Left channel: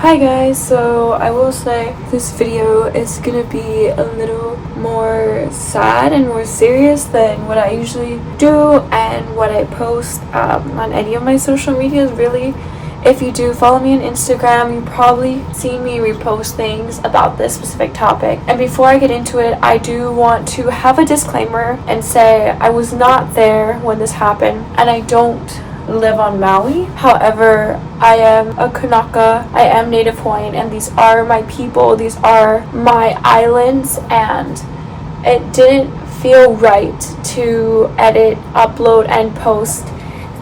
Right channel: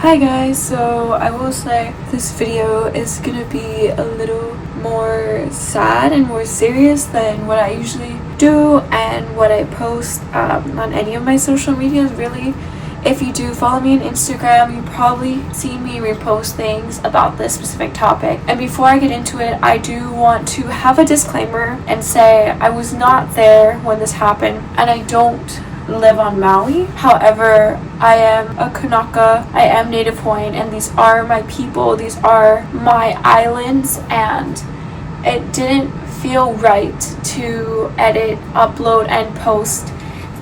Hi guys, so I will say this video is gonna be a little more sad and more serious than what I usually do and what I post on any of my social medias really. If you do follow me on Instagram, you've probably seen me repost things about this specific topic. And before I get into it, I do want to have a disclaimer and say I was not there when this happened and I don't live on Maui. However, I am a Kānaka, I am Native Hawaiian, and these are my people, these are my islands, and it didn't feel right to edit, upload, and post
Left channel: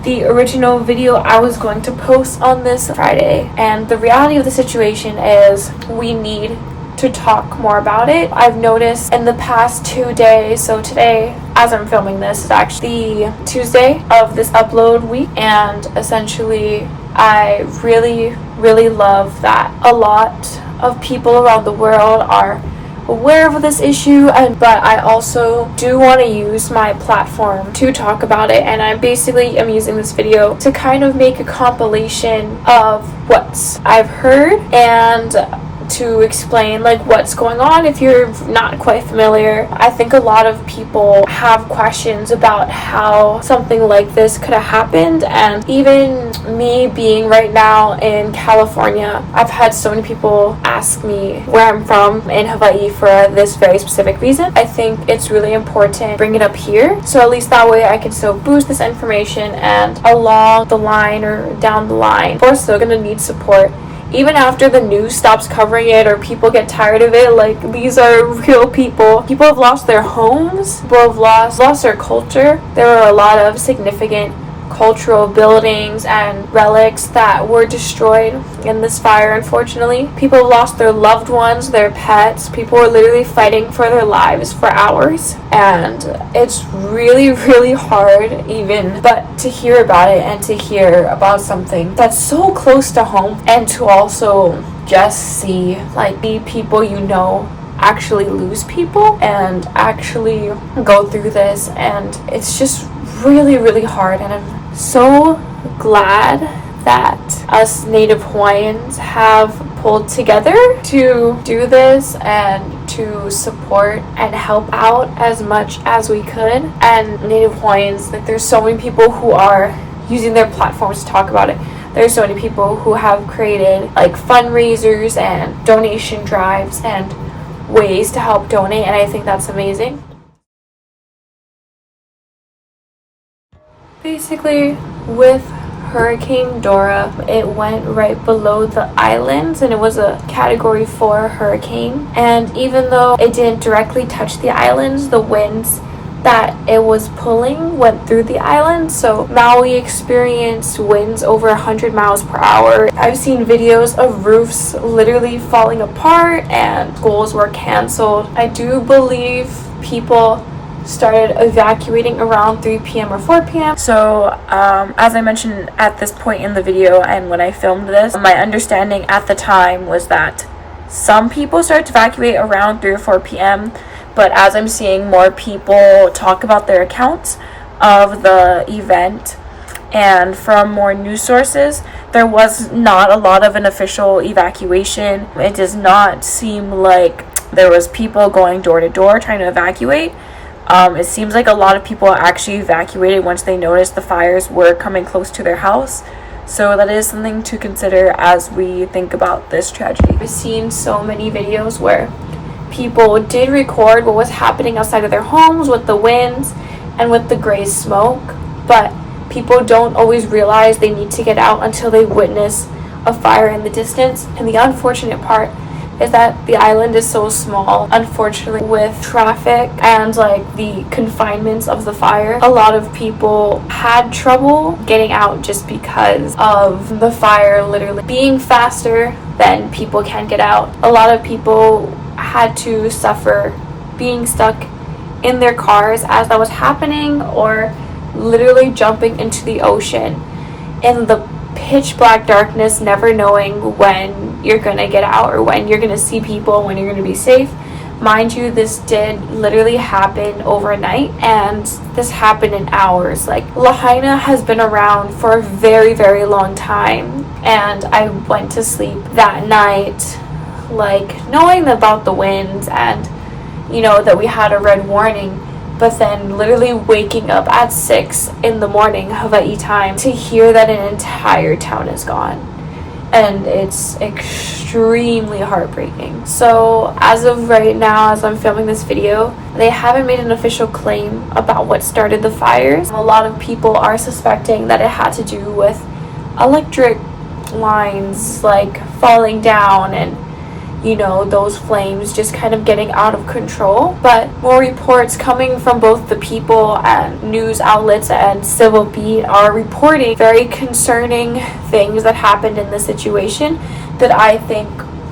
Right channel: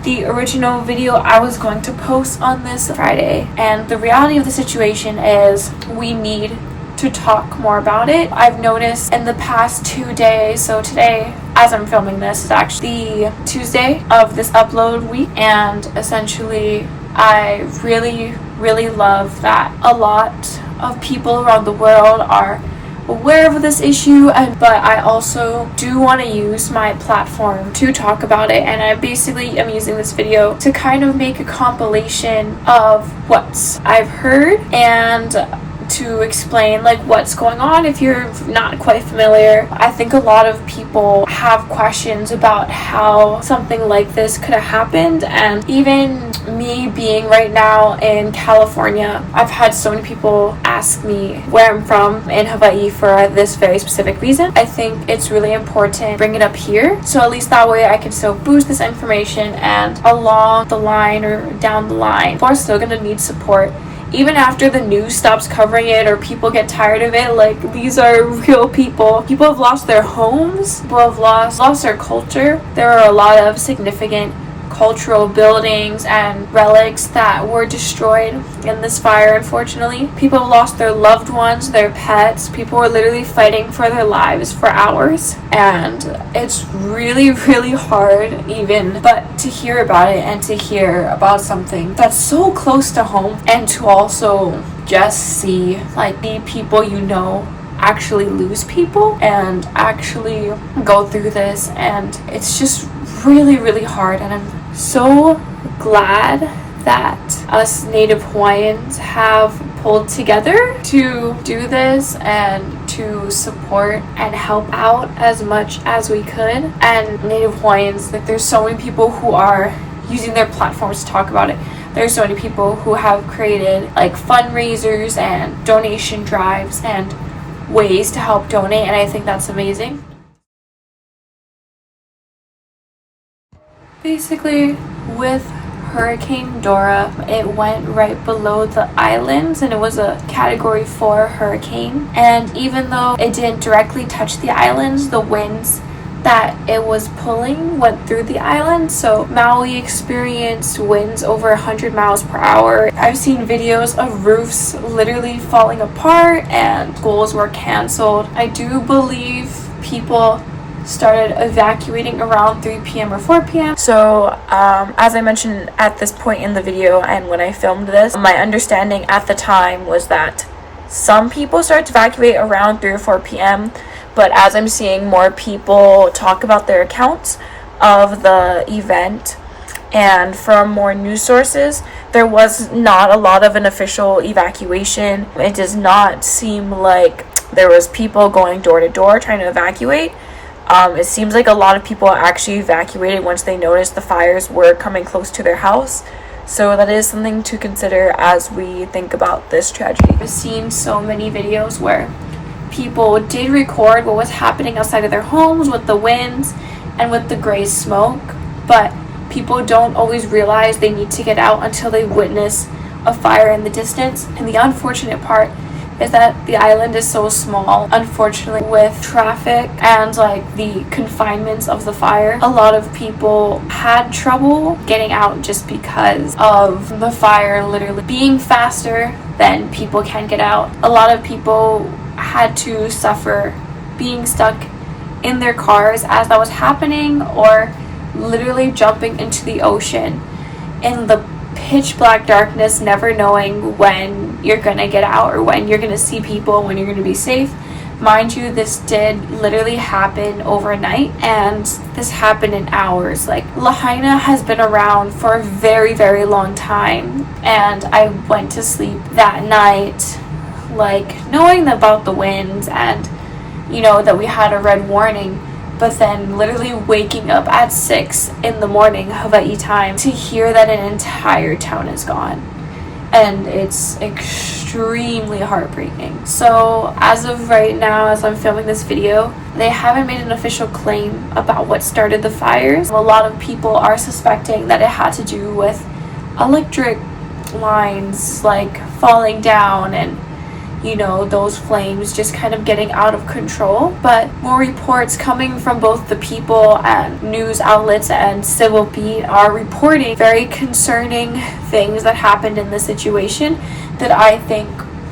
the original video I was going to post on this Friday. And the reality of the situation is we need to talk more about it. I've noticed in the past 2 days, so today as I'm filming this is actually the Tuesday of this upload week, and essentially I really love that a lot of people around the world are aware of this issue, but I also do want to use my platform to talk about it, and I basically am using this video to kind of make a compilation of what I've heard and to explain like what's going on if you're not quite familiar. I think a lot of people have questions about how something like this could have happened, and even me being right now in California, I've had so many people ask me where I'm from in Hawaii for this very specific reason. I think it's really important to bring it up here, so at least that way I can still boost this information, and along the line or down the line, we're still gonna need support. Even after the news stops covering it or people get tired of it, like, these are real people. People have lost their homes, people have lost their culture. There are a lot of significant cultural buildings and relics that were destroyed in this fire, unfortunately. People have lost their loved ones, their pets. People were literally fighting for their lives for hours, and it's really hard even but to hear about it and to hear about something that's so close to home, and to also just see like the people you know actually lose people and actually go through this, and it's just really hard. And I'm so glad that us Native Hawaiians have pulled together to do this and to support and help out as much as we could. And Native Hawaiians, like, there's so many people who are using their platforms to talk about it. There's so many people who have created like fundraisers and donation drives and ways to help donate, and I think that's amazing. Basically, with Hurricane Dora, it went right below the islands, and it was a Category 4 hurricane. And even though it didn't directly touch the islands, the winds that it was pulling went through the island. So Maui experienced winds over 100 miles per hour. I've seen videos of roofs literally falling apart and schools were canceled. I do believe people started evacuating around 3 p.m. or 4 p.m. So as I mentioned at this point in the video and when I filmed this, my understanding at the time was that some people started to evacuate around 3 or 4 p.m. But as I'm seeing more people talk about their accounts of the event and from more news sources, there was not a lot of an official evacuation. It does not seem like there was people going door to door trying to evacuate. It seems like a lot of people actually evacuated once they noticed the fires were coming close to their house. So that is something to consider as we think about this tragedy. I've seen so many videos where people did record what was happening outside of their homes with the winds and with the gray smoke, but people don't always realize they need to get out until they witness a fire in the distance. And the unfortunate part is that the island is so small. Unfortunately, with traffic and like the confinements of the fire, a lot of people had trouble getting out just because of the fire literally being faster than people can get out. A lot of people had to suffer being stuck in their cars as that was happening, or literally jumping into the ocean in the pitch black darkness, never knowing when you're gonna get out or when you're gonna see people, when you're gonna be safe. Mind you, this did literally happen overnight, and this happened in hours. Like, Lahaina has been around for a very, very long time, and I went to sleep that night, like, knowing about the winds and, you know, that we had a red warning, but then literally waking up at 6 in the morning, Hawaii time, to hear that an entire town is gone. And it's extremely heartbreaking. So as of right now, as I'm filming this video, they haven't made an official claim about what started the fires. A lot of people are suspecting that it had to do with electric lines like falling down and, you know, those flames just kind of getting out of control. But more reports coming from both the people and news outlets and Civil Beat are reporting very concerning things that happened in this situation that I think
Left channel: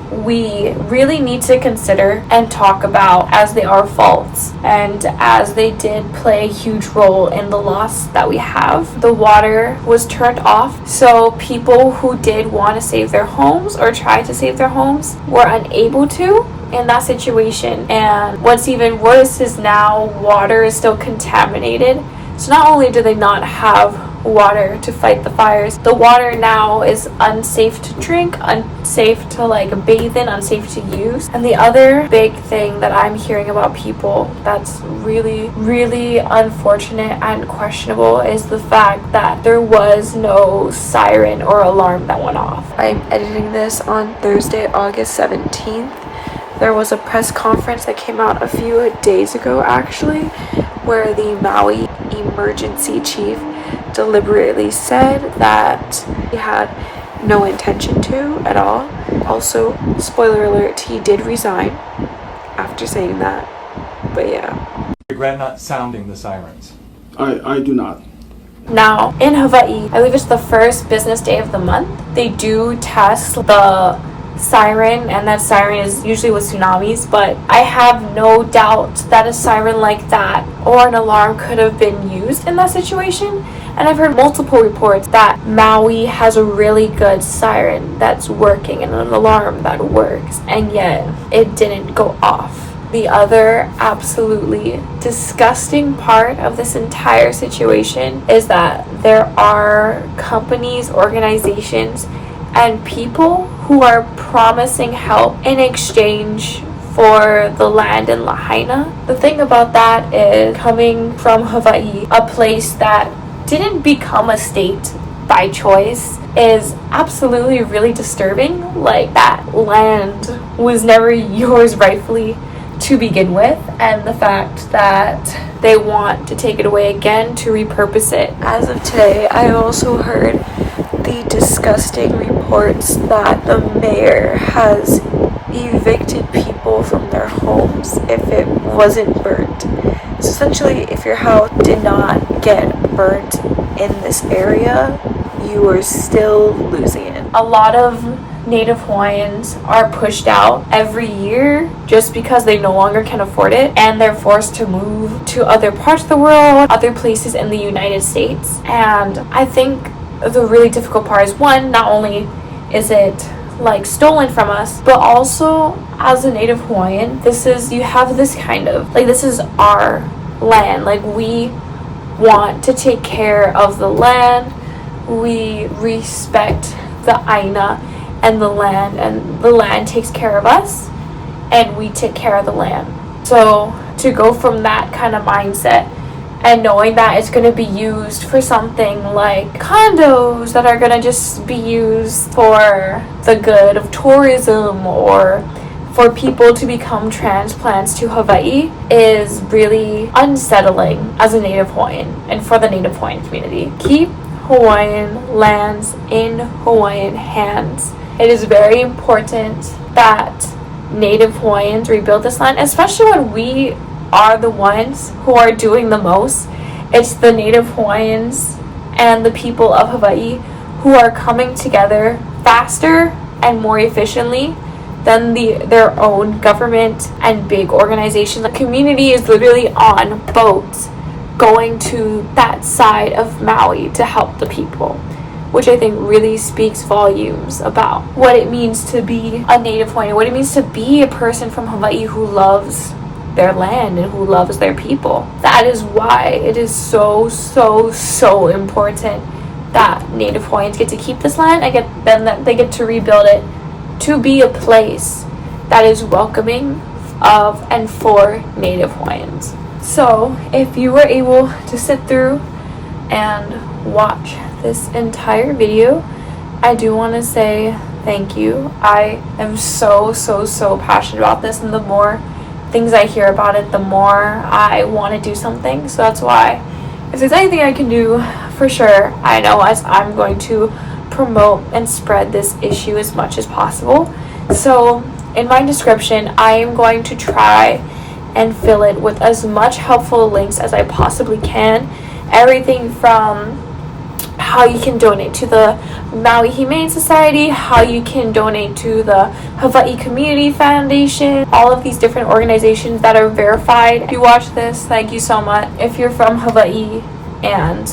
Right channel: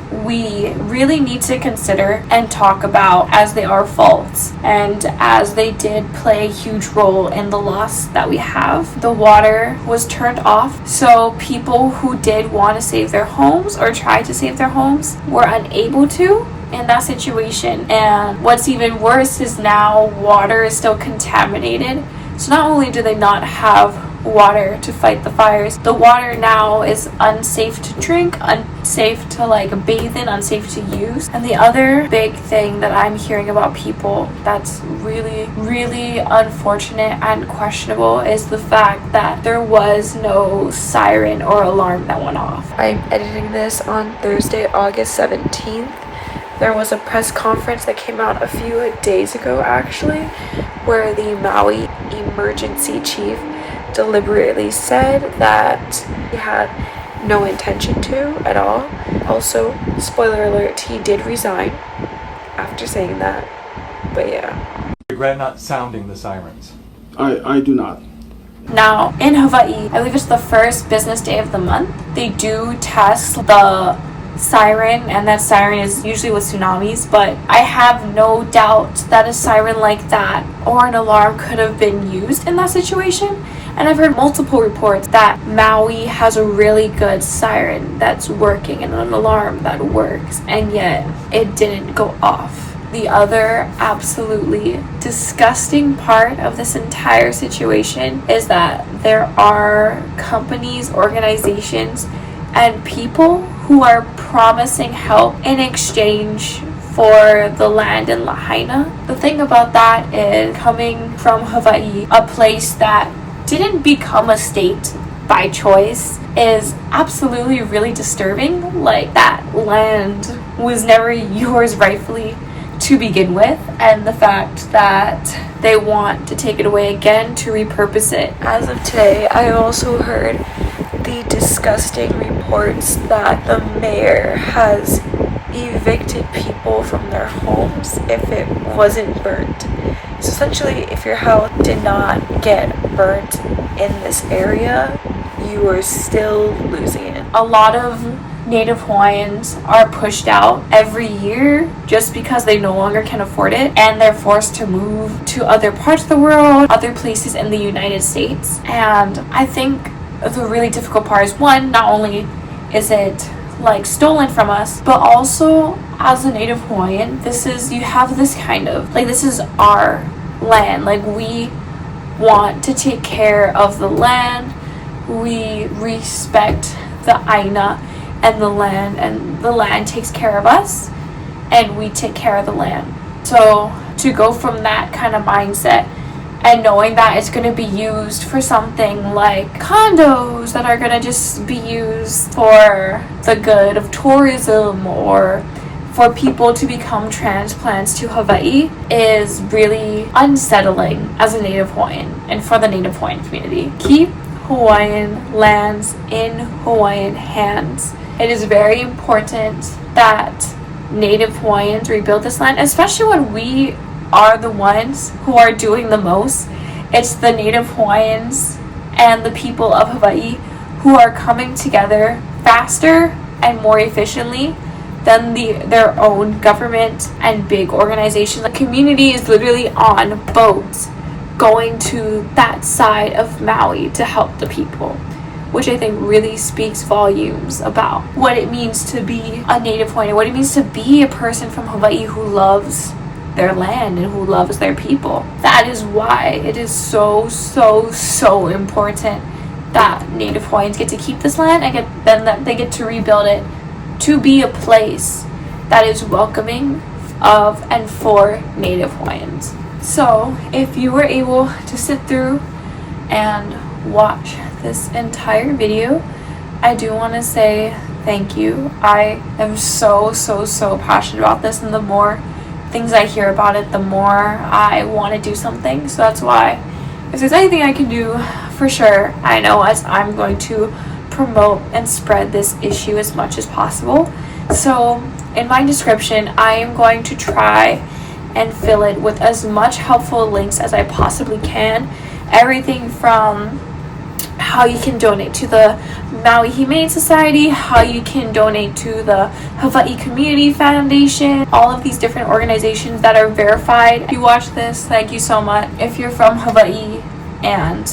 we really need to consider and talk about, as they are faults and as they did play a huge role in the loss that we have. The water was turned off, so people who did want to save their homes or try to save their homes were unable to in that situation. And what's even worse is now water is still contaminated. So not only do they not have water to fight the fires, the water now is unsafe to drink, unsafe to like bathe in, unsafe to use. And the other big thing that I'm hearing about people that's really, really unfortunate and questionable is the fact that there was no siren or alarm that went off. I'm editing this on Thursday, August 17th. There was a press conference that came out a few days ago actually, where the Maui emergency chief deliberately said that he had no intention to at all. Also, spoiler alert, he did resign after saying that. But yeah. Regret not sounding the sirens. I do not. Now, in Hawaii, I believe it's the first business day of the month, they do test the siren, and that siren is usually with tsunamis, but I have no doubt that a siren like that or an alarm could have been used in that situation. And I've heard multiple reports that Maui has a really good siren that's working and an alarm that works, and yet it didn't go off. The other absolutely disgusting part of this entire situation is that there are companies, organizations, and people who are promising help in exchange for the land in Lahaina. The thing about that is, coming from Hawaii, a place that didn't become a state by choice, is absolutely really disturbing. Like, that land was never yours rightfully to begin with, and the fact that they want to take it away again to repurpose it. As of today, I also heard the disgusting reports that the mayor has evicted people from their homes if it wasn't burnt. So essentially, if your house did not get burnt in this area, you are still losing it. A lot of Native Hawaiians are pushed out every year just because they no longer can afford it, and they're forced to move to other parts of the world, other places in the United States. And I think the really difficult part is, one, not only is it like stolen from us, but also as a Native Hawaiian, you have this kind of like, this is our land. Like, we want to take care of the land, we respect the ʻāina and the land takes care of us, and we take care of the land. So to go from that kind of mindset and knowing that it's going to be used for something like condos that are going to just be used for the good of tourism or for people to become transplants to Hawaii is really unsettling as a Native Hawaiian and for the Native Hawaiian community. Keep Hawaiian lands in Hawaiian hands. It is very important that Native Hawaiians rebuild this land, especially when we are the ones who are doing the most. It's the Native Hawaiians and the people of Hawaii who are coming together faster and more efficiently than their own government and big organizations. The community is literally on boats going to that side of Maui to help the people. which I think really speaks volumes about what it means to be a Native Hawaiian, what it means to be a person from Hawaii who loves their land and who loves their people. That is why it is so important that Native Hawaiians get to keep this land and that they get to rebuild it to be a place that is welcoming of and for Native Hawaiians. So if you were able to sit through and watch this entire video, I do want to say thank you. I am so passionate about this, and the more things I hear about it, the more I want to do something. So that's why, if there's anything I can do, for sure, I know as I'm going to promote and spread this issue as much as possible. So in my description, I am going to try and fill it with as much helpful links as I possibly can. Everything from how you can donate to the Maui Humane Society, how you can donate to the Hawaii Community Foundation, all of these different organizations that are verified. If you watch this, thank you so much. If you're from Hawaii and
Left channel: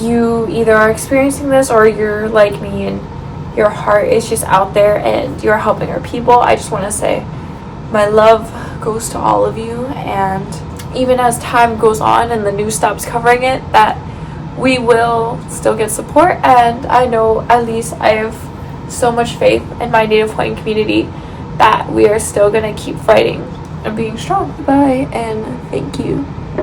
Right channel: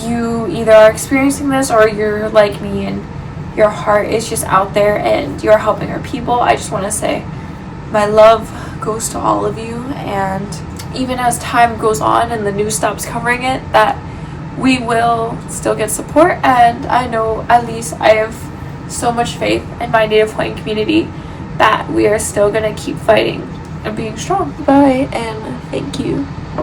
you either are experiencing this or you're like me and your heart is just out there and you're helping our people, I just want to say my love goes to all of you. And even as time goes on and the news stops covering it, that we will still get support. And I know, at least I have so much faith in my Native Hawaiian community that we are still going to keep fighting and being strong. Bye, and thank you.